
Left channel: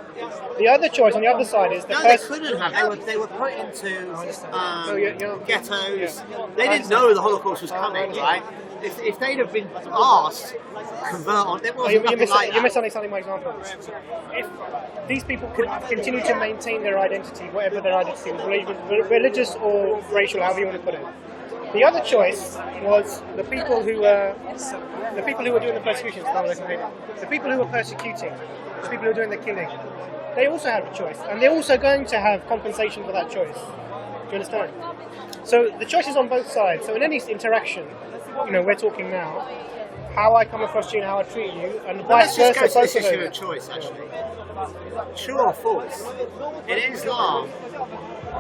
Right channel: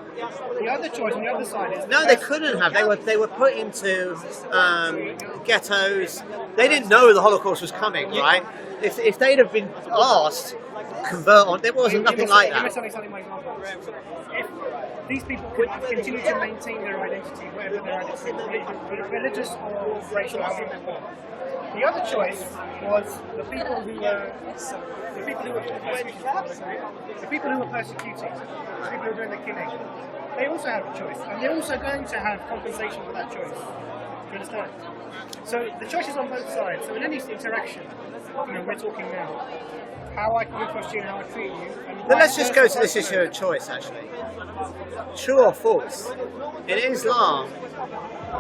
The other choice on the other side is they couldn't have. They were put into ghettos. They didn't know the Holocaust was coming, right? if they'd have been asked convert on, there wasn't nothing like that. You're misunderstanding my example. If these people could continue to maintain their identity, whatever their identity was, religious or racial, however you want to put it. The other choice was the people who were doing the persecution, the people who were persecuting, the people who were doing the killing. They also have a choice, and they're also going to have compensation for that choice. Do you understand? So the choice is on both sides. So in any interaction, we're talking now, how I come across you and how I treat you. And but let's just go to this issue of choice, actually. True or false? In Islam,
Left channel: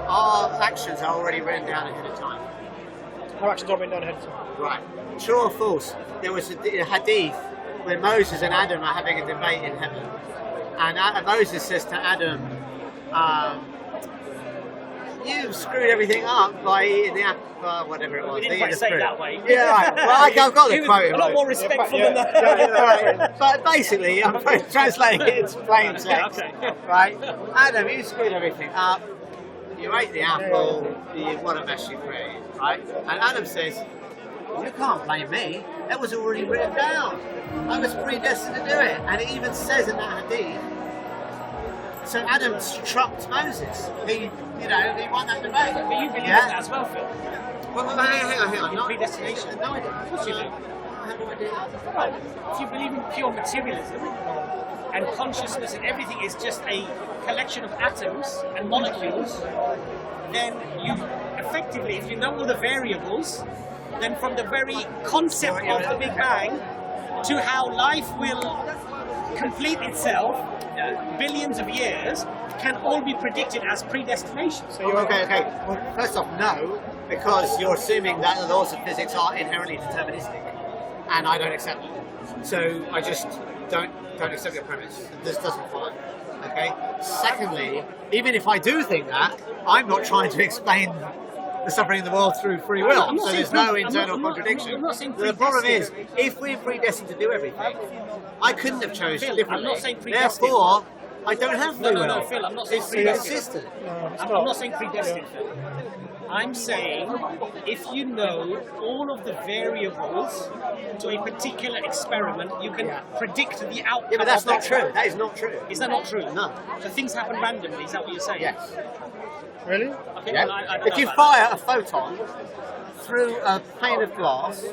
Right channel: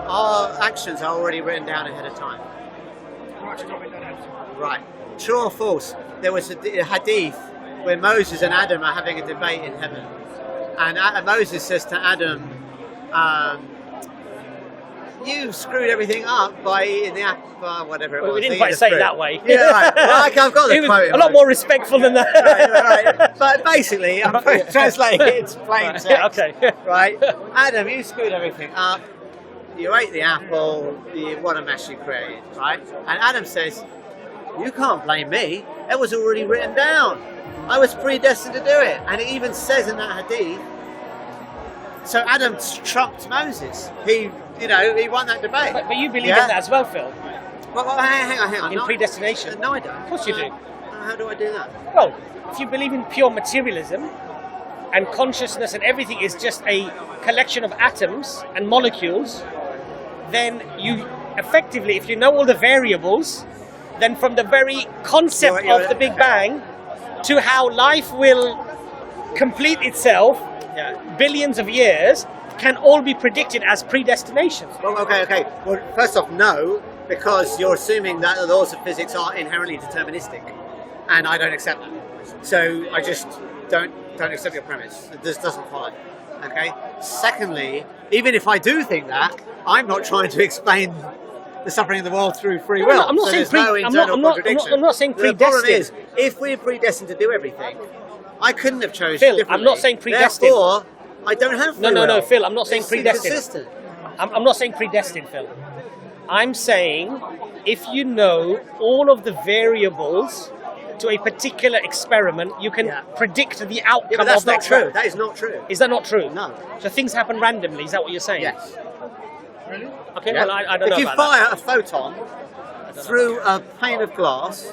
our actions are already written down ahead of time. Our actions are written down ahead of time. Right. True or false? There was a hadith where Moses and Adam are having a debate in heaven. And Moses says to Adam, you screwed everything up by eating the apple, whatever it was. We didn't quite say it that way. Yeah, right. Well, I've got the quote. A lot more respectful than that. Right. But basically, I'm translating it into plain text. Okay. Right? Adam, you screwed everything up. You ate the apple. What a mess you created. Right? And Adam says, you can't blame me. It was already written down. I was predestined to do it. And it even says in that hadith, so Adam trumped Moses. He won that debate. But you believe in that as well, Phil? Well, hang on. In predestination? No, I don't. Of course you do. How do I do that? Well, if you believe in pure materialism, and consciousness and everything is just a collection of atoms and molecules, then you effectively, if you know all the variables, then from the very concept of the Big Bang to how life will complete itself, billions of years, can all be predicted as predestination. So okay. Well, first off, no, because you're assuming that the laws of physics are inherently deterministic, and I don't accept that. So I just don't accept your premise. It just doesn't follow. Okay. Secondly, even if I do think that, I'm not trying to explain the suffering in the world through free will. So there's no internal contradiction. I'm not saying predestined. The problem is, if we're predestined to do everything, I couldn't have chosen differently. I'm not saying predestined. Therefore, I don't have free will. No, Phil, I'm not saying predestined. Consistent. I'm not saying predestined, Phil. I'm saying if you know all of the variables to a particular experiment, you can predict the outcome. Yeah, but that's not true. That is not true. Is that not true? No. So things happen randomly. Is that what you're saying? Yes. Really? Okay. Yeah. Well, I don't know if you about fire a photon through a pane of glass,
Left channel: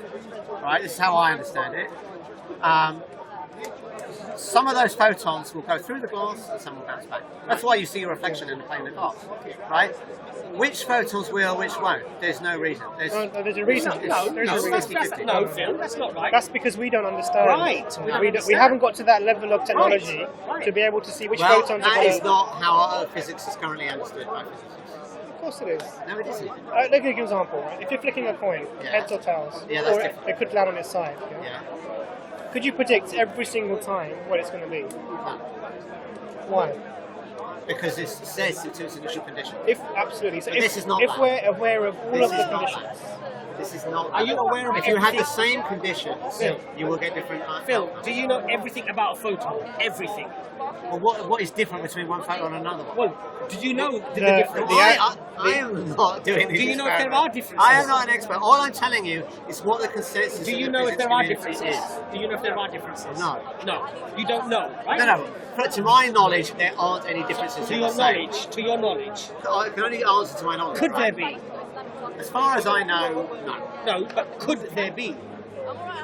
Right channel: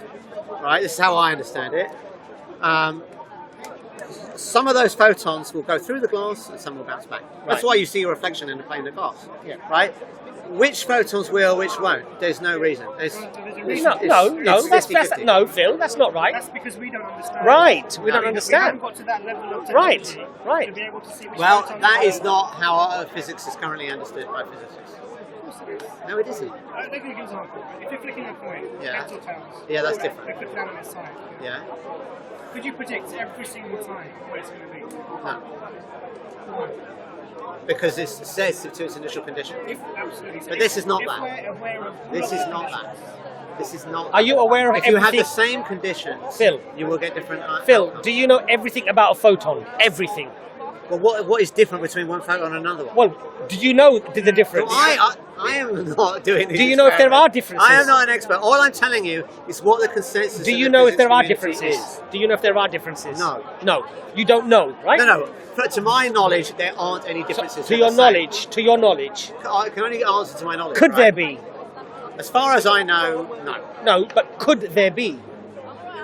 right? This is how I understand it. Some of those photons will go through the glass and some will bounce back. That's why you see a reflection in the pane of glass, right? Which photons will, which won't? There's no reason. There's a reason. No, Phil, that's not right. That's because we don't understand. Right. We haven't got to that level of technology to be able to see which photons. Well, that is not how physics is currently understood by physicists. Of course it is. No, it isn't. Let me give you an example. Right? If you're flicking a coin, heads or tails, that's different. It could land on its side. Yeah. Could you predict every single time what it's going to be? No. Why? Because it says to its initial condition. Absolutely. So but this is not that. If we're aware of all this of is the not conditions. that. This is not. Are you aware of if you have the same conditions, Phil, you will get different. Phil, outcomes. do you know everything about a photon? Everything. Well, what is different between one photon and another one? Well, do you know the difference? I am not doing these. Do you know if there are differences? I am not an expert. All I'm telling you is what the consensus. Do you of know the if there are differences differences? Do you know if there are differences? No. No. You don't know, right? No. To my knowledge, there aren't any differences. To your knowledge. I can only answer to my knowledge. Could there be? As far as I know, no. No, but could there be?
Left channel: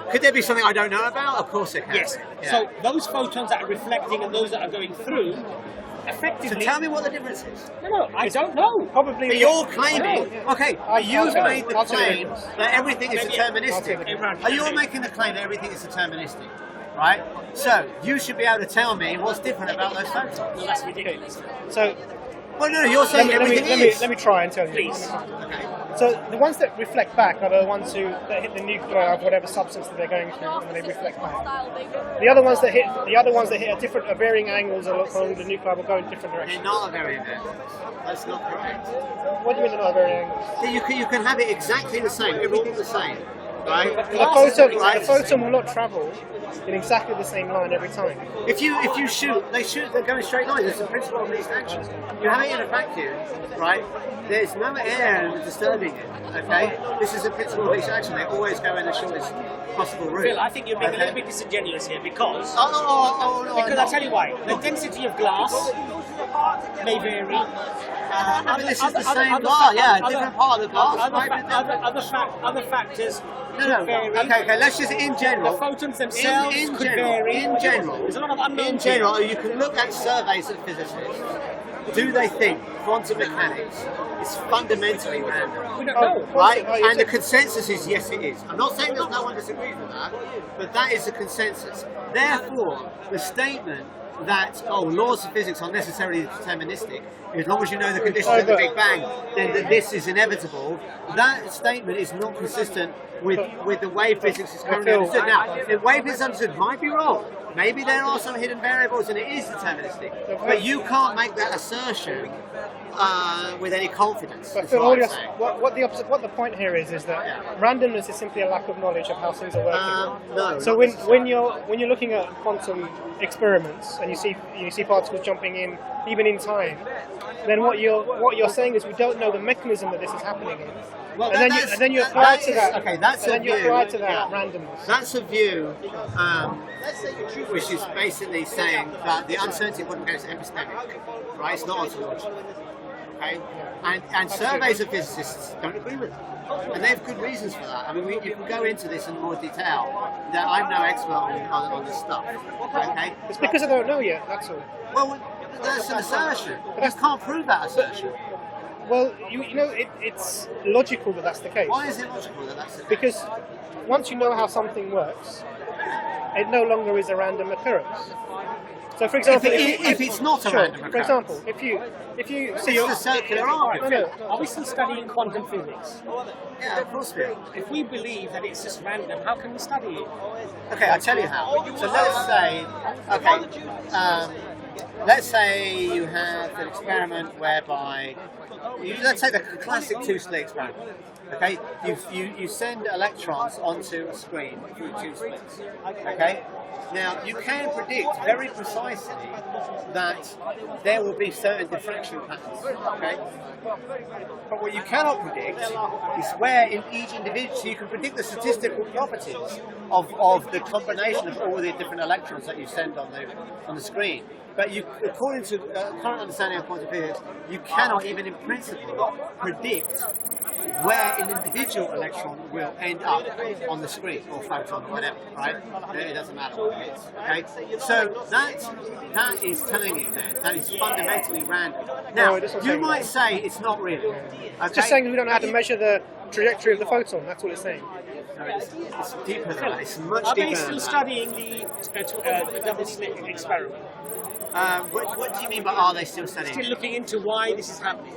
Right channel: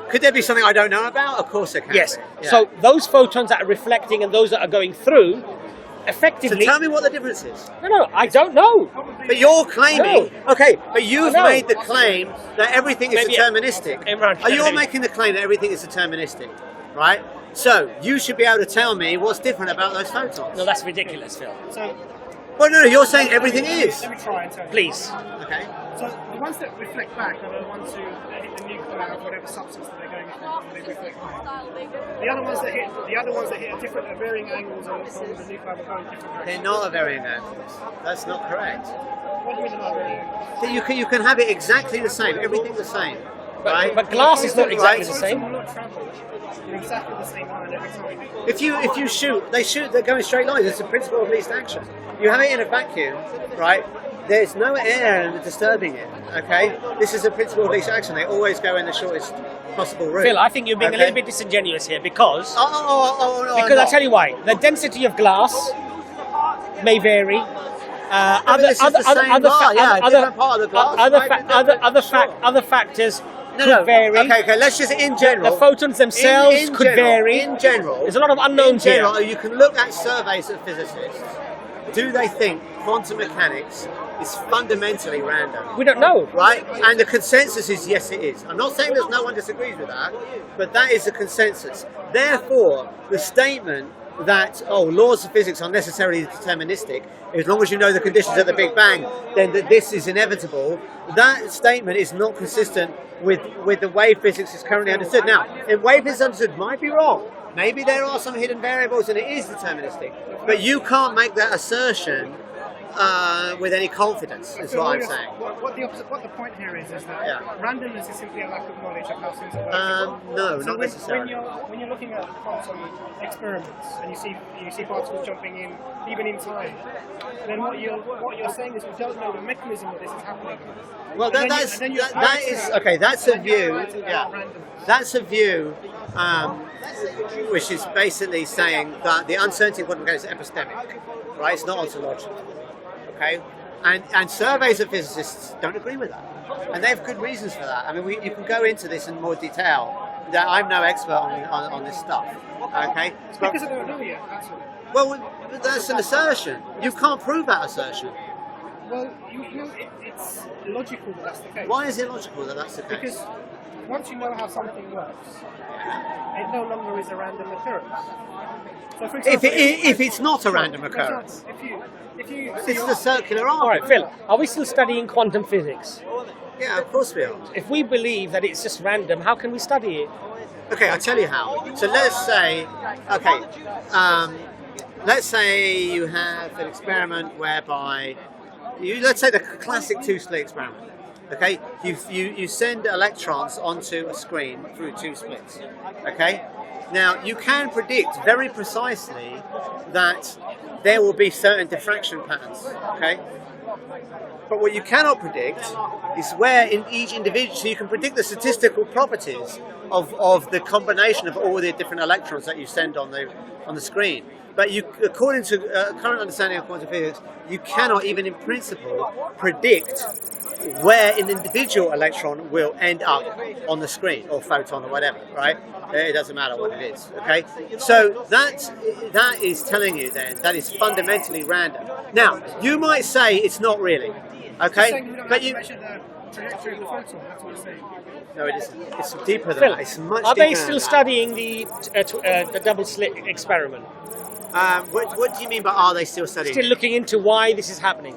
Could there be something I don't know about? Of course there can. Yes. Yeah. So those photons that are reflecting and those that are going through, effectively. So tell me what the difference is. No, I don't know. Probably. But you're claiming, okay, but you've made the claim that everything is deterministic. Are you making the claim that everything is deterministic, right? So you should be able to tell me what's different about those photons. No, that's ridiculous, Phil. So. Well, no, you're saying everything is. Let me try and tell you. Please. Okay. So the ones that reflect back are the ones that hit the nuclei of whatever substance that they're going through, and they reflect back. The other ones that hit at varying angles along the nuclei will go in different directions. They're not at varying angles. That's not correct. What do you mean they're not at varying angles? You can have it exactly the same, everything the same, right? But glass is not exactly the same. The photon will not travel in exactly the same line every time. If you shoot, they're going straight lines. It's the principle of least action. You have it in a vacuum, right? There's no air disturbing it, okay? This is the principle of least action. They always go in the shortest possible route. Phil, I think you're being a little bit disingenuous here because... No, because I'll tell you why. The density of glass may vary. Different part of the glass. Other factors No. vary. Okay. Let's just in general. The photons themselves could vary. In general, there's a lot of unknowns. In general, you can look at surveys of physicists. Do they think quantum mechanics is fundamentally random? We don't know, right? And the consensus is yes, it is. I'm not saying there's no one disagrees with that, but that is the consensus. Therefore, the statement that laws of physics are necessarily deterministic, as long as you know the conditions of the Big Bang, then that this is inevitable. That statement is not consistent with the way physics is currently understood. Now, the way physics is understood might be wrong. Maybe there are some hidden variables and it is deterministic, but you can't make that assertion with any confidence. Is what I'm saying. What the point here is that randomness is simply a lack of knowledge of how things are working. No. So when you're looking at quantum experiments and you see particles jumping in even in time, then what you're saying is we don't know the mechanism that this is happening in. Well, that's a view. Randomness. That's a view. Which is basically saying that the uncertainty in quantum mechanics is epistemic, right? It's not ontological, okay? And surveys of physicists don't agree with that, and they have good reasons for that. I mean, you can go into this in more detail. That I'm no expert on this stuff, okay? It's because I don't know yet. That's all. Well, that's an assertion. You can't prove that assertion. Well, it's logical that that's the case. Why is it logical that that's the case? Because once you know how something works, it no longer is a random occurrence. So, for example, if it's not a random occurrence, for example, if you see it's a circular argument. Phil, are we still studying quantum physics? Yeah, of course we are. If we believe that it's just random, how can we study it? Okay, I'll tell you how. So let's say, let's say you have an experiment whereby let's say the classic two-slit experiment. Okay, you send electrons onto a screen through two slits. Okay, now you can predict very precisely that there will be certain diffraction patterns. Okay, but what you cannot predict is where in each individual. So you can predict the statistical properties of the combination of all the different electrons that you send on the screen. But according to current understanding of quantum physics, you cannot even in principle predict where an individual electron will end up on the screen, or photon, or whatever, right? It doesn't matter what it is, okay? So that is telling you then that it's fundamentally random. Now, you might say it's not really, okay? It's just saying we don't know how to measure the trajectory of the photon, that's what it's saying. No, it isn't. It's deeper than that. It's much deeper than that. Are they still studying the double slit experiment? What do you mean by are they still studying? Still looking into why this is happening.